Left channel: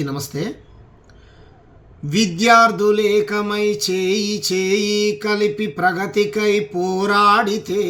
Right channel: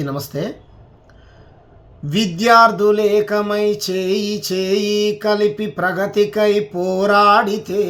అందరికీ నమస్తే. విద్యార్థులేకమై చేయి చేయి కలిపి ప్రగతికై పోరాడితే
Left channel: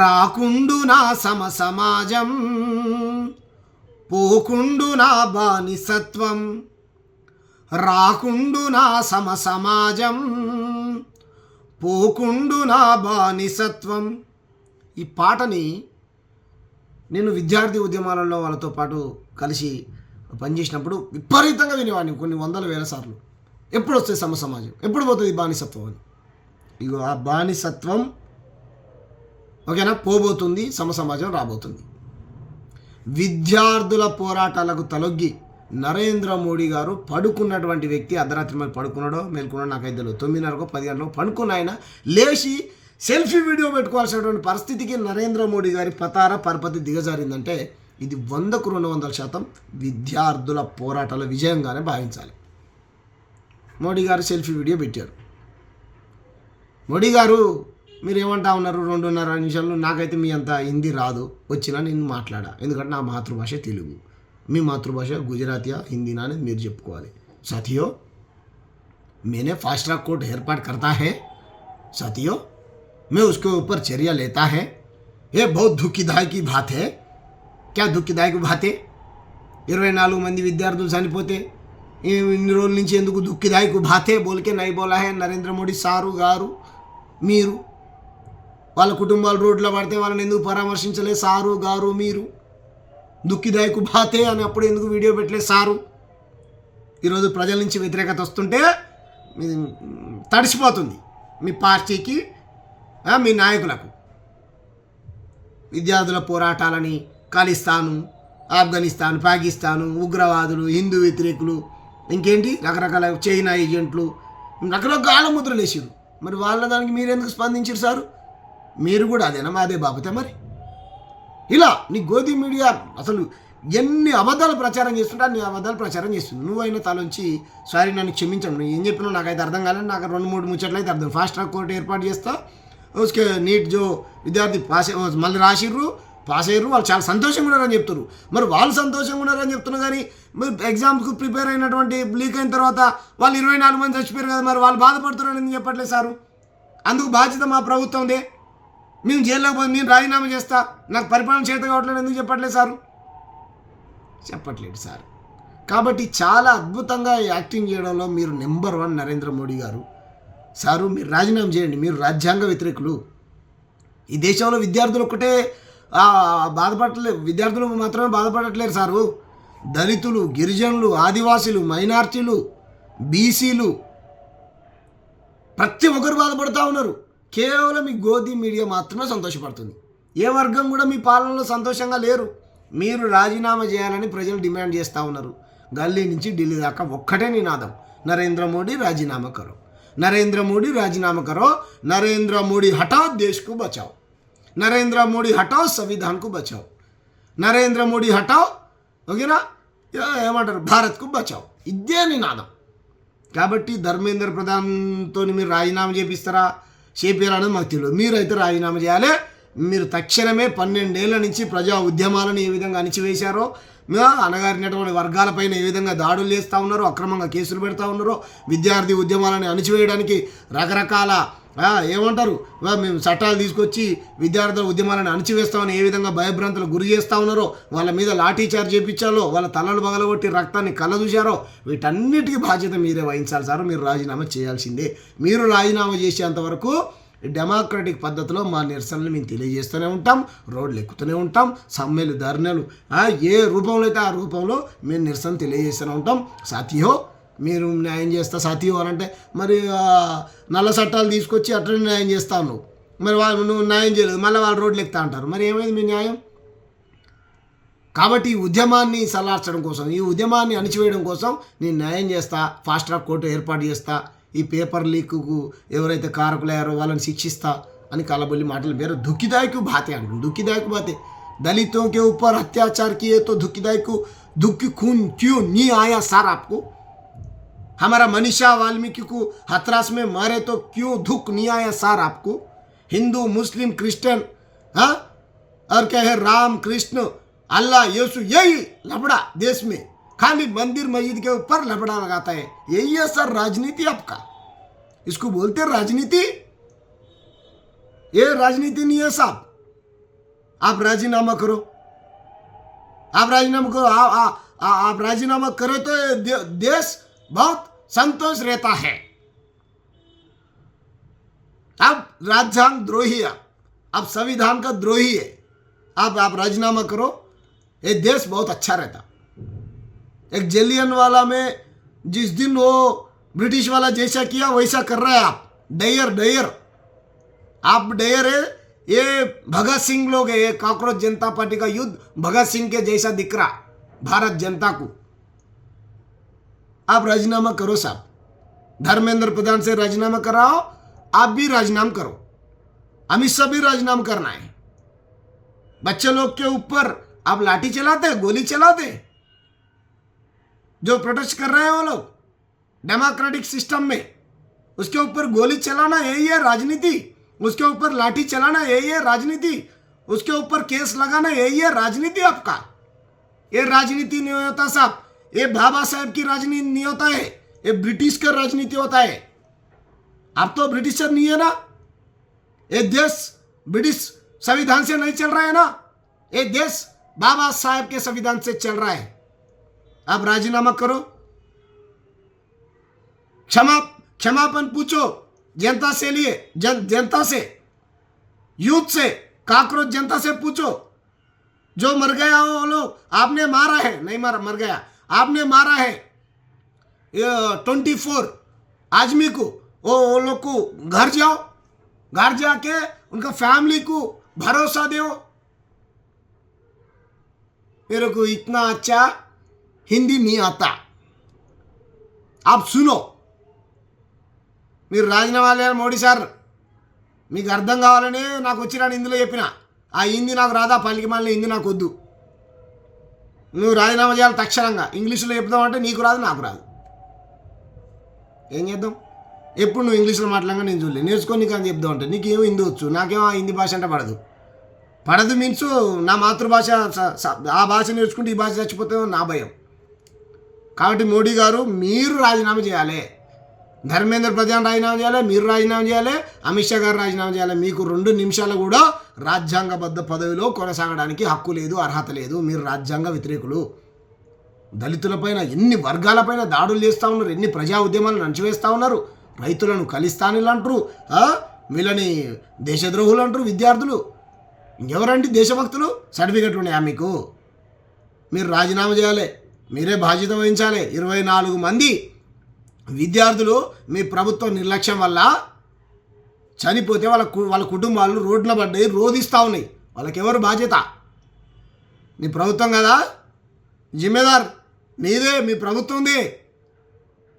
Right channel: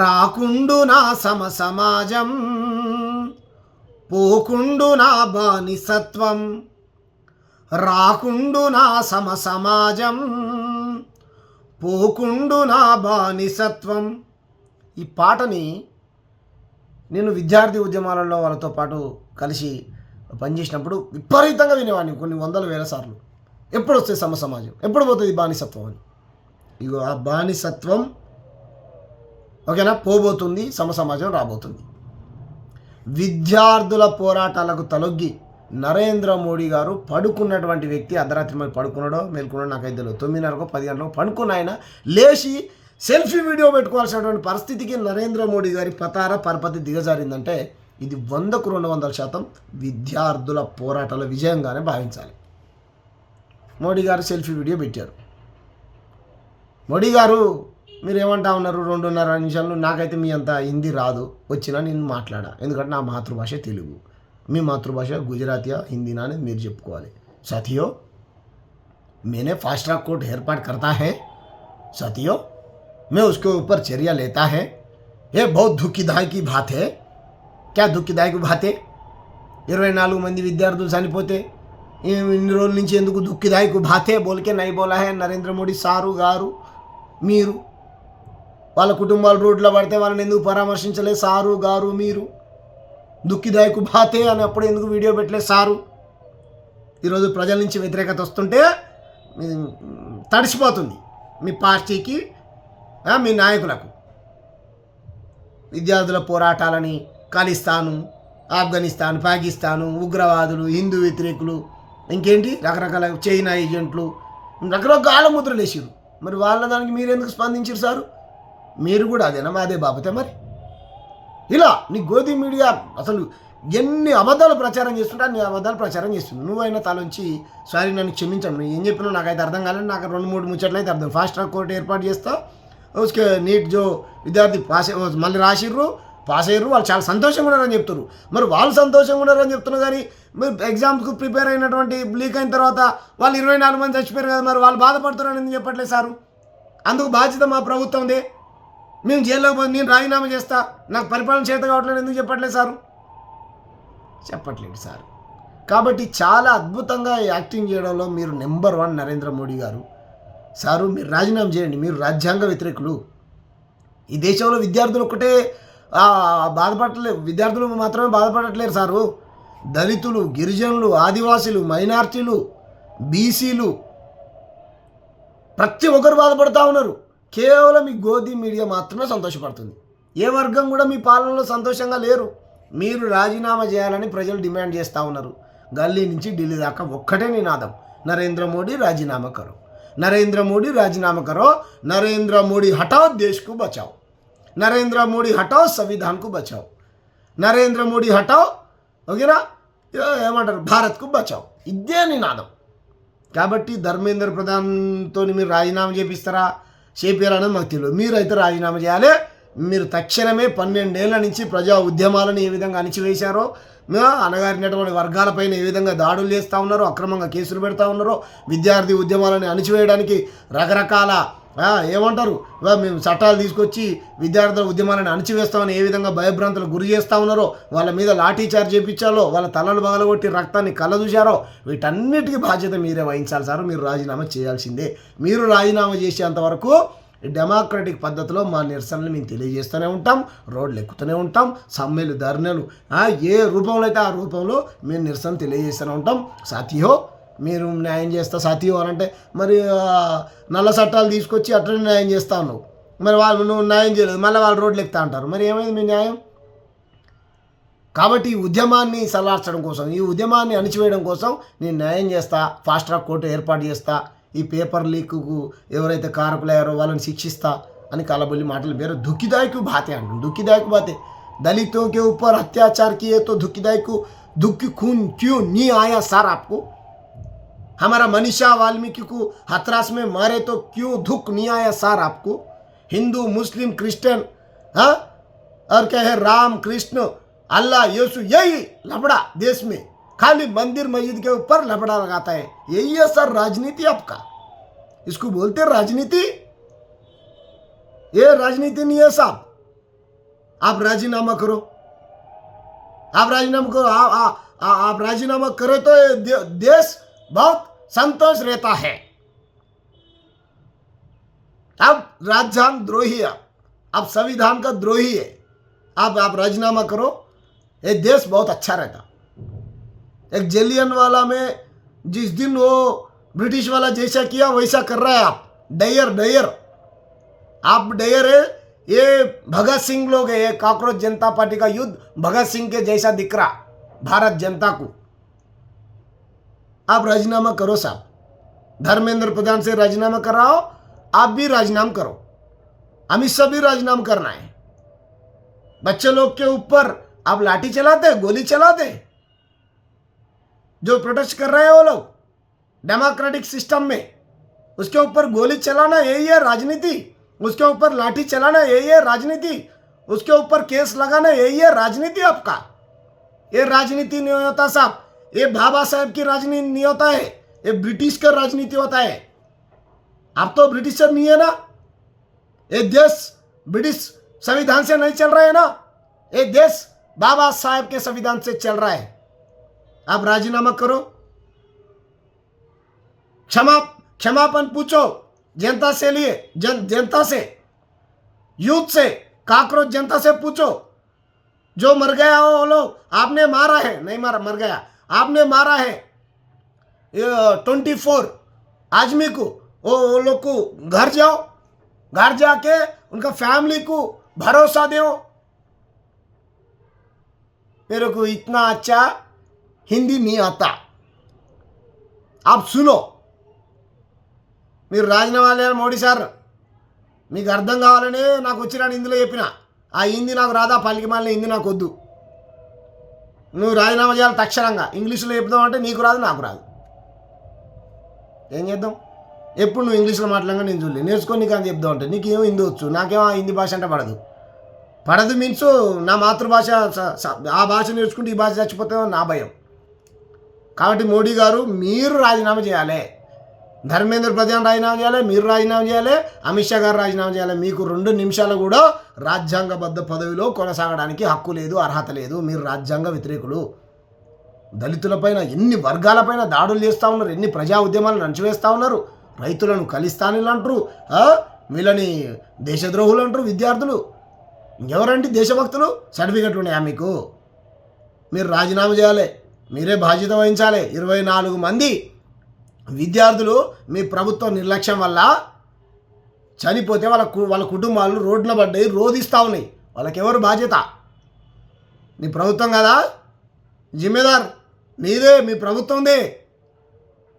రాకుండు నా సమాజం, పోకుండు నా బానిసత్వం. రాకుండు నా సమాజం, పోకుండు నా బానిసత్వం. ఈ పాటని నేను విద్యార్థి ఉద్యమాలలో వాళ్ళతో పాటు కలిసి పనిచేసినప్పుడు విపరీతంగా వినేవాడిని, కొన్ని వందల వేల సార్లు. ఎప్పుడు వస్తుంది సమాజం, ఎప్పుడు పోతుంది బానిసత్వం అని. ఇగో ఆ బానిసత్వం ఓకేనా పోబోతుంది, సమాజం రాబోతుంది. విద్యార్థుల పోరాటాలకు తలొగ్గి నరేంద్ర మోడీ గారు పడుకున్నటువంటి వ్యక్తి అర్ధరాత్రి మరి పడుకున్నాడో మేల్కున్నాడో నాకైతే తెలియదు. 9:30కో 10 గంటలకు పడుకున్న ఆయన లేచి సెల్ఫీ వీడియో పెట్టుకోవాల్సినటువంటి పరిస్థితికి నరేంద్ర మోడీ గారి పరపతి దిగజారిందంటే ఇది 100కు 200% విద్యార్థుల పోరాటాల విజయంగానే భావించాలి. మోడీ గారు సెల్ఫీ వీడియో పెట్టారు. మోడీ గారు మీరు ఏమంటా ఉన్నారు 2.5 నిమిషాలు, నాకైతే మీ అంత హిందీ రాదు, వచ్చినా నేను మాట్లాడా, ఎందుకంటే నా మాతృభాష తెలుగు, మీ మాతృభాష గుజరాతీయా హిందీనా అని మీరు చెప్పుకోవాలి. साथियों, मैंने फास्ट ट्रैक कोर्ट एयरपार्ट करता है साथियों, मैं उसके ऊपर चर्या लेता है. ये बहुत दुखदायक की बात है. क्या दुखदायक बात है? 24 మంది విద్యార్థులు చనిపోతే ఇన్ని రోజుల నుంచి ఎందుకు దుఃఖదాయక బాతే బోల్కే నై బోలా హే నరేంద్ర మోడీ సారు గారు. మీరు వాళ్ళ కుటుంబాలు రోడ్లో పడితే వాళ్ళని ఎందుకు పరామర్శించలే సారు గారు? మీరు దుఃఖదాయక బాతే అని అప్పుడు ఎందుకు వీడియో పెట్టలేదు సారు? ఈరోజు ప్రజల నుంచి వ్యతిరేకత వస్తుంటే తడిసిపోతుంది మీ పార్టీకి, మీ నాయకులకు. విద్యార్థుల పోరాటాలని ఖలిస్తాను, ఆఫ్ఘనిస్తాన్, పాకిస్తాను, ఉగ్రవాదులు, హిందూ వ్యతిరేకులు, ఇంకేంటి రకరకాల చైనా ఏజెంట్లు రకరకాల ముద్రలు వేసారు. మరి వాళ్ళ దానికి మీరు ఎందుకు స్పందించారు సారు? మీరు కూడా అదేనా అదే బాబతే? మరి ఇలా నీ గోధి మీడియా అసలు ఎన్ని అబద్ధాలు ప్రచారం చేస్తుంటే అన్ని అబద్ధాలు ప్రచారం చేస్తుంది. నువ్వైనా తలొంచి సారీ నన్ను క్షమించండి, నువ్వు ఏం చెప్పినావు నాకైతే అర్థం కాలేదు, నాకు 2-3 ముచ్చట్లు అయితే అర్థం. ఫాస్ట్ ట్రాక్ కోర్టు ఏర్పాటు చేస్తా, उसके నీట్ జో విద్యార్థి మళ్ళీ రాసిర్రు, పాస్ అయ్యారు, వాళ్ళు చాలా సంతోషంగా ఉన్నారని చెప్తారు. మరి వాళ్ళు సంతోషంగా ఉన్నారని చెప్తున్నారు, కానీ మీరు ఎగ్జామ్స్కు ప్రిపేర్ అయినటువంటి లీక్ అయిన తర్వాత వాళ్ళు 24 మంది చచ్చిపోయారు కదా, మరి వాళ్ళు బాధపడుతున్నారని ఎందుకు చెప్పట్లేదు సారు? అందుకు బాధ్యత మా ప్రభుత్వందే. మేము జైల్లోకి పోయి నేను రాజీనామా చేస్తా, నాకు పరిపాలన చేత కావట్లేదు ఎందుకు చెప్పట్లేదు సారు? చెప్పట్లేదు సార్. కాబట్టి చాలా అద్భుతంగా యాక్టింగ్ చేయడంలో మీరు నెంబర్ 1 నరేంద్ర మోడీ గారు. సారు మీరు రాజీనామా చేయండి, మీరు రాజ్యాంగ వ్యతిరేకులు. ఈ దేశంలో విద్యార్థులు ఒక్కటే బాధపడట్లేదు, విద్యార్థులు మాత్రమే బాధపడట్లేరు సారు. దళితులు, గిరిజనులు, ఆదివాసీలు, మైనార్టీలు, బీసీలు ప్రతి ఒక్కరు బాధపడుతూ ఉన్నారు. కేవలం ఈ గోధి మీడియా మాత్రమే సంతోషపడుతుంది. ఏ వర్గం కూడా మీ పాలనలో సంతోషంగా లేరు. మీరు రాజీనామా చేయాలని ప్రజలు డిమాండ్ చేస్తూ ఉన్నారు. గల్లీ నుంచి ఢిల్లీ దాకా ఒక్కటే నినాదం, నరేంద్ర మోడీ రాజీనామా కరో, నరేంద్ర మోడీ రాజీనామా కరో, నరేంద్ర మోడీ హటాओ देश को बचाओ, నరేంద్ర మోడీ హటాओ సంవిధాన్ కు బచాओ, నరేంద్ర మోడీ హటాओ ఓకేనా ఏమంటారు భారత్కు బచాओ. ఇదే నినాదం. కాబట్టి ధర్మేంద్ర ప్రధాన్తో మీరు రాజీనామా చేపిస్తారనేది మాకు తెలియదు. మీరైతే రాజీనామా చేయాలి. మీరు తక్షణమే 12 ఏళ్ల నుంచి ప్రజా ఉద్యమాలను ఏ విధంగా అణిచివేశారో, అణగారినటువంటి వర్గాలపైన ఏ విధంగా దాడులు చేస్తూ ఉన్నారో, అక్రమంగా కేసులు పెడతా ఉన్నారో, విద్యార్థి ఉద్యమాలను అణిచివేయడానికి రకరకాల ఏమంటారు మేము చట్టాలు తీసుకొచ్చి విద్యార్థుల ఉద్యమాలను అణిచివేస్తామని ఏ విధంగా భయభ్రాంతులకు గురి చేస్తూ ఉన్నారో, వాళ్ళ మీద లాఠీ చార్జ్ చేయించాలో, వాళ్ళ తలలు బగలగొట్టి రక్తాన్ని కళ్ళదూశారో, వీటన్నిటికీ బాధ్యత మీరే వహించాలి సార్. మీరు రాజీనామా చేయాల్సిందే. మీరు రాజీనామా చేసేంతవరకు డెమోక్రటిక్ పద్ధతిలో మా నిరసనలు మేము తెలియజేస్తూనే ఉంటాం, రోడ్లు ఎక్కుతూనే ఉంటాం, సమ్మెలు, ధర్నలు ఏ రూపంలో అయితే ఆ రూపంలో మేము నిరసన తెలియజేస్తూనే ఉంటాం. సాథియో మీరు న్యాయం చేస్తా సాథియో అని అంటే మరి నల్ల చట్టాలు తీసుకొచ్చి అట్లనే న్యాయం చేస్తా ఉన్నావు, మరి వాళ్ళు నువ్వు న్యాయం చేయలేదు, మళ్ళీ వాళ్ళు రోడ్లు ఎక్కుతా అంటారు, మరి ఏమైంది మీ న్యాయం? కాబట్టి ఈ ఉద్యమాన్ని సలార్చడం కోసం, ఈ ఉద్యమాన్ని అణిచివేయడం కోసం నేను న్యాయం చేస్తా, ఫాస్ట్ ట్రాక్ కోర్టు ఏర్పాటు చేస్తా, ఈ పేపర్ లీక్కు ఎవరైతే కారకులయ్యారో వాళ్ళని శిక్షిస్తా అని కలబొల్లి మాటలు పేరు దుఃఖదాయక బాతే అంటారు. దుఃఖదాయక బాతే दलितों के ऊपर अत्याचार किए तो दुखदायक दुख खून क्यों नहीं आया सर आपको? हमारा मनीषा वाल्मीकि को हथरास में मारे तो क्यों दुख नहीं आया सर आपको? हिंदू मुस्लिम क्रिश्चियन और क्या है राम कृष्ण अल्लाह यीशु यही लफड़ा देश में, खाली मंदिर मस्जिद के ऊपर लफड़ा लगाता है। यही है सर राजनीति आपका, इसको बोलते हैं राजनीति। ये राजनीति नहीं है साहब। आप राजीनामा करो, आप राजीनामा करो, आप राजीनामा करो तो देश बहुत संतोष रहता है। अब राजधान द्रोही है, अब संविधान का द्रोही है। आप राजीनामा करो, ये देश बहुत अच्छा रहता। एक जलियनवाला में जिस दिन वो ब्रिटिश वाला जैसा किया वैसा कर रहा है आप। डयर आप डयर है। ये भगत सिंह लोग है, ये कॉकरोच जनता पार्टी का युद्ध भगत सिंह के जैसा दिख रहा भारत जनता को। आप राजीनामा करो साहब। धर्मेंद्र प्रधान से राजीनामा कराओ, आप भी राजीनामा करो, अमित शाह भी राजीनामा करना है। बच्चे लोग के ऊपर आप लाठी चलाते, गोली चलाते, जो प्रोटेस्ट कर रहे हैं वो लोग डेमोक्रेटिक सिस्टम में, उसके ऊपर गोली चलाना यही है राजनीति, उसके ऊपर लाठी चलाना यही है राजनीति, उसके ऊपर केस लगाना यही है राजनीति आपका। ये राजनीति नहीं होता साहब, ये बाबा साहब की राजनीति नहीं होता है, ये ब्रिटिश का राजनीति होता है। आप तो ब्रिटिशर नहीं है ना, ये देश ब्रिटिश संविधान से नहीं चल रहा है ना, ये देश बाबा साहब के संविधान से चल रहा है। आप राजीनामा करो, क्षमापन पूछो जनता से लिए, जनता से, यूथ से, कॉकरोच जनता से पूछो। जो मर गया हो वो लोग, आपने मारा है, नहीं मारा, मर गया, आपने मारा है 24 आदमी को, वो लोग को घर जाओ, घर जाके उनका फैमिली को भरोसा दो। मेरे को इतना अच्छा हिंदी नहीं आता, आप सुनो। మీరు రాజీనామా చేయాలి మోడీ సార్, మీకు అర్థం కావాలని నాకు వచ్చిన హిందీలో చెప్పిన, ఆ హిందీ నాకు రాదా, పలికి మళ్ళీ హిందీ నాకు వద్దు, నువ్వు రాజీనామా చేయాలి తక్షణంగా। ఇంగ్లీష్లో చెప్దామంటే నీకు రాదు, నాకు రాదు, ఏం చేద్దాం? ఎప్పుడు నువ్వు ఇంగ్లీష్లో మాట్లాడగా నేను చూడలేదు, నేర్చుకొని నీకు అని చెప్దామంటే నీకేమో హిందీ వచ్చు, నాకేమో ఆ హిందీ భాష అంటే పడదు మీన్స్ నా మాతృభాష, ఆ భాష నేర్చుకుంటే ఈ భాష చచ్చిపోతుందో నా భయం। కాబట్టి మోడీ గారు మీరు రాజీనామా చేయాలి, ధర్మేంద్ర ప్రధాన్ రాజీనామా చేయాలి, మీరు రాజీనామా చేయాలి, అమిత్ షా గారు రాజీనామా చేయాలి। మీకు 2 నిమిషాలు కూడా రాజ్యాంగబద్ధ పదవిలో కొనసాగడానికి హక్కు లేదు, అర్హత లేదు, మీరు రాజ్యాంగ వ్యతిరేకులు। దళితులపైన ఎన్ని వర్గాలపైన దాడులు చేస్తూ ఉన్నారు, ఎన్ని ప్రజా ఉద్యమాలను అణచివేస్తూ ఉన్నారు, రైతులను ఖలిస్తానీలు అంటారు, వీళ్ళని దేశద్రోహులు అంటారు విద్యార్థులు। ఇంకెవరండి దేశభక్తులు? సర్టిఫికెట్లు ఉన్నాయా మీకు? మీరు రాజీనామా చేయాలి, మీరే బాధ్యత వహించాలి। 24 మంది విద్యార్థులు మీ ప్రభుత్వ నిర్లక్ష్యం వల్ల చనిపోతే వాళ్ళ కుటుంబాలు రోడ్ల పడ్డాయి, రోధిస్తూ ఉన్నాయి, వాళ్ళకి ఎవరు బాధ్యత? మీ ప్రభుత్వం కదా జిమ్మేదార్, మీదే, మీ ప్రభుత్వందే।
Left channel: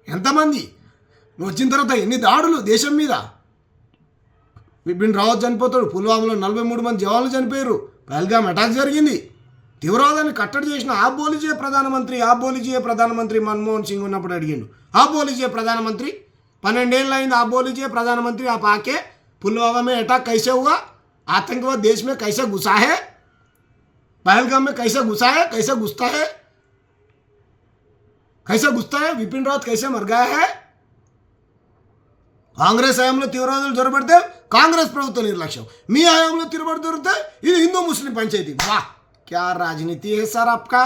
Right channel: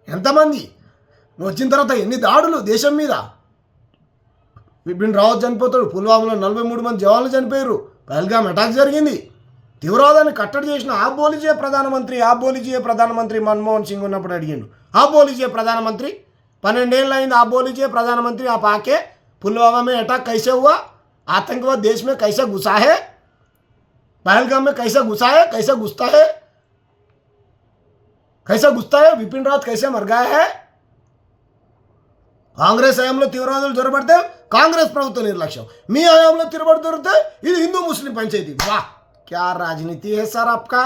ఎంతమంది నువ్వు వచ్చిన తర్వాత ఎన్ని దాడులు దేశం మీద, బిపిన్ రావత్ చనిపోతాడు, పుల్వామాలో 43 మంది జవాన్లు చనిపోయారు, పహల్గామ్ అటాక్ జరిగింది, తీవ్రవాదాన్ని కట్టడి చేసిన आप बोलीजिए प्रधानमंत्री मनमोहन सिंह ఉన్నప్పుడు అడిగిండు, आप बोलीजिए प्रधानमंत्री, 12 ఏళ్ళు అయింది, आप बोलीजिए प्रधानमंत्री, आप आके पुलवामा में अटैक कैसे हुआ, आतंकवाद देश में कैसे घुसा है, पहलगाम में कैसे घुसा है, कैसे घुसता है, विपिन रावत कैसे मर गया है। కాంగ్రెస్ హయాంలో తీవ్రవాదులు జొరబడితే కాంగ్రెస్ ప్రభుత్వ నిర్లక్ష్యం, మీ హయాంలో తిరబడి దొరికితే ఇది హిందూ ముస్లిం పంచాయతీ। వాహ్, क्या राजनीति है सर आपका,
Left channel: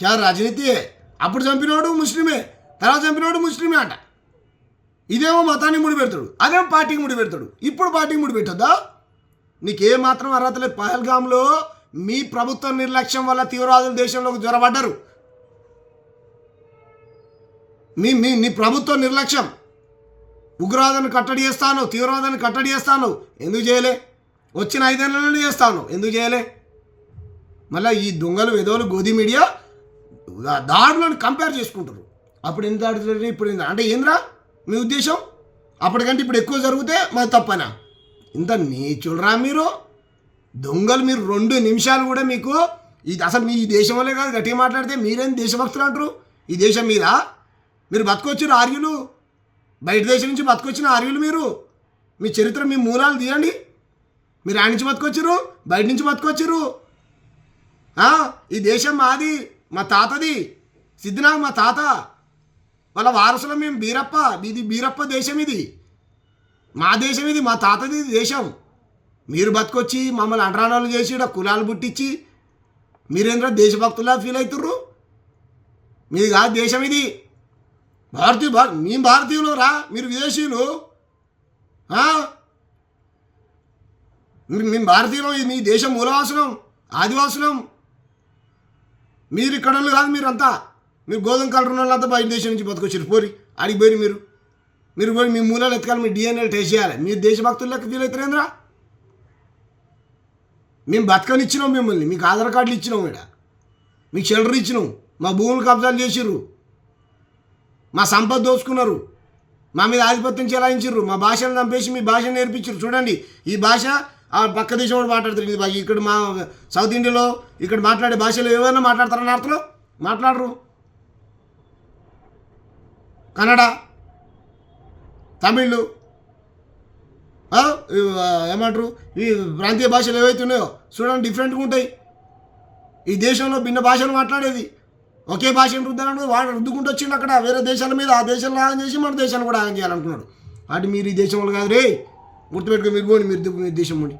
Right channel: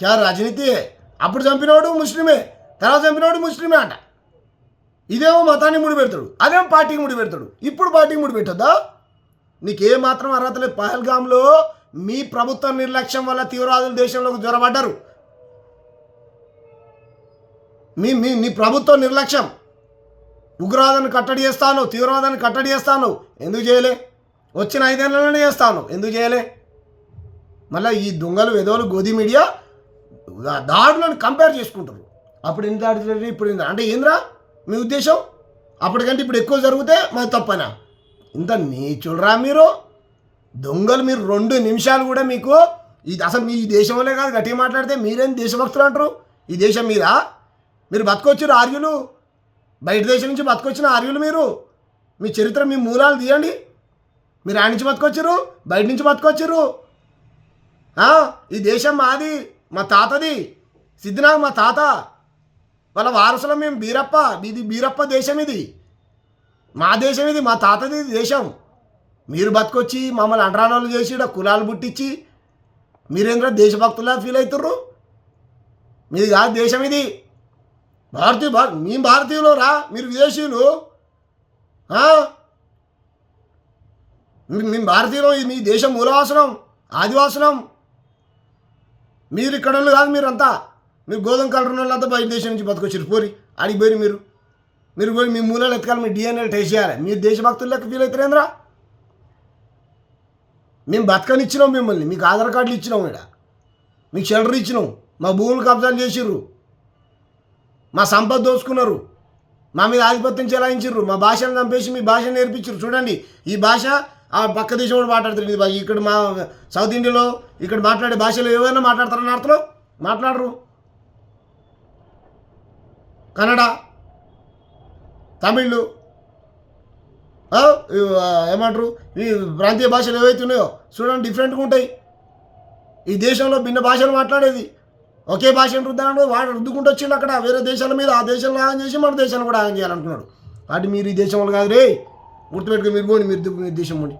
क्या राजनीति है? అప్పుడు చంపినోడు ముస్లిమే, తర్వాత చంపినోడు ముస్లిమే అంట, ఇదేమో మతాన్ని ముడిపెడతాడు, అదేమో పార్టీకి ముడిపెడతాడు, ఇప్పుడు పార్టీకి ముడిపెట్టద్దా? నీకే మాత్రం అర్హత లేదు। పహల్గామ్లో మీ ప్రభుత్వ నిర్లక్ష్యం వల్ల తీవ్రవాదులు దేశంలోకి జొరబడ్డారు, మీ ప్రభుత్వ నిర్లక్ష్యం। ఉగ్రవాదాన్ని కట్టడి చేస్తాను, తీవ్రవాదాన్ని కట్టడి చేస్తాను, ఎందుకు చేయలే? వచ్చిన 5 ఏళ్లలోనే చేస్తాను, ఎందుకు చేయలే? మళ్ళీ ఈ దొంగలు వెదవలు గోధి మీడియా దాడులను కంపేర్ చేసుకుంటారు, అప్పుడు ఎంత దాడుతుంది, ఇప్పుడు ఎంత అంటే ఏంద్రా మీ ఉద్దేశం? అప్పటికంటే ఇప్పుడు ఎక్కువ జరిగితే మరి తప్పనా? ఇంత నీచులరా మీరు దొంగలు। మీరు 2 నిమిషాలు కూడా మీకు ఇది అసలు మీ దేశంలో కాదు, గట్టిగా మాట్లాడితే మీరేం దేశభక్తులు అంటారు? ఈ దేశం మీద మీరు బతకొచ్చారు ఆర్యులు, బయట దేశం నుంచి బతకొచ్చిన ఆర్యులు మీరు, మీ చరిత్ర, మీ మూలాలు తీయండి, మీరు ఆడి నుంచి బతకొచ్చారు, బయట నుంచి బతకొచ్చారు, ఈ దేశం మాది, మా తాతది, సిద్ధినాగ్ మా తాత, వాళ్ళ వారసులం మేము. బీరప్ప, ఇది బీరప్ప దేశం, ఇది మా దేశం, ఇది మా తాతది దేశం. మీరు బతుకొచ్చి మమ్మల్ని అంటరానోళ్ళు చేసి ఇక్కడ కులాలు పుట్టించి మీరేంద్ర దేశభక్తులా ఫీల్ అవుతుర్రు? మీది కాదు దేశం, ఇది మేము భారతీయులు రా, మీరు విదేశీయులు. మేము భారతీయులు, ఇది మీ దేశం మూలవాసులం, ఆదివాసులం. మీరు ఇక్కడ వాళ్ళు కాదు, మీరంతా మీరు గోధుమ కలర్ ఉన్న వాళ్ళంతా బయట దేశం నుంచి బతుకొచ్చారు. పోరి అడిగి పోయి మీరు పోయి మీ మూలాలు ఎత్తుకాలి, మీ డిఎన్ఏ టెస్ట్ చేయాలి. మీరు దేశభక్తులు లెక్క ఫీల్ అవుతారేంద్రా? మేము బతకనిచ్చినాం మిమ్మల్ని, మీకు ఆధార్ కార్డులు ఇచ్చినాం, ఇక్కడ మీకు షెల్టర్ ఇచ్చినాం, మా భూములు కబ్జాలు చేసిర్రు, మా సంపద దోచుకున్నారు, మా మీద ఆధిపత్యం చెలాయించారు, మా భాషను చంపేసి మీ భాషను నేర్పించారు. చూడండి, ఈ భాష ఆ పక్క దేశం కూడా మాట్లాడతారు. ఇది ఇక్కడ మా సౌత్ ఇండియాలో ఇక్కడ మాట్లాడే భాషలు ఏమైనా మాట్లాడతారని అర్థంలో మాట్లాడరు. కన్నడ, తమిళ్, ఏమంటారు, ఈ ప్రాంతీయ భాషలు ఏవైతే ఉన్నాయో చూడండి డిఫరెంట్గా ఉంటాయి. ఈ దేశంలో భిన్న భాషలు మాట్లాడేది ఒకే భాషను రుద్దాలంటే వాడు రుద్దుకుంటూ వచ్చిండు అక్కడ వేరే దేశాల మీద. ఆ దేశంలో ఆన్ చేసి మన దేశాన్ని కూడా ఆన్ చేయాలనుకున్నాడు. వాటి మీరు ఈ దేశం వాళ్ళు కాదు రే, గుర్తుపెట్టుకుని మీరు పోండి, మీరు దేశం పోండి.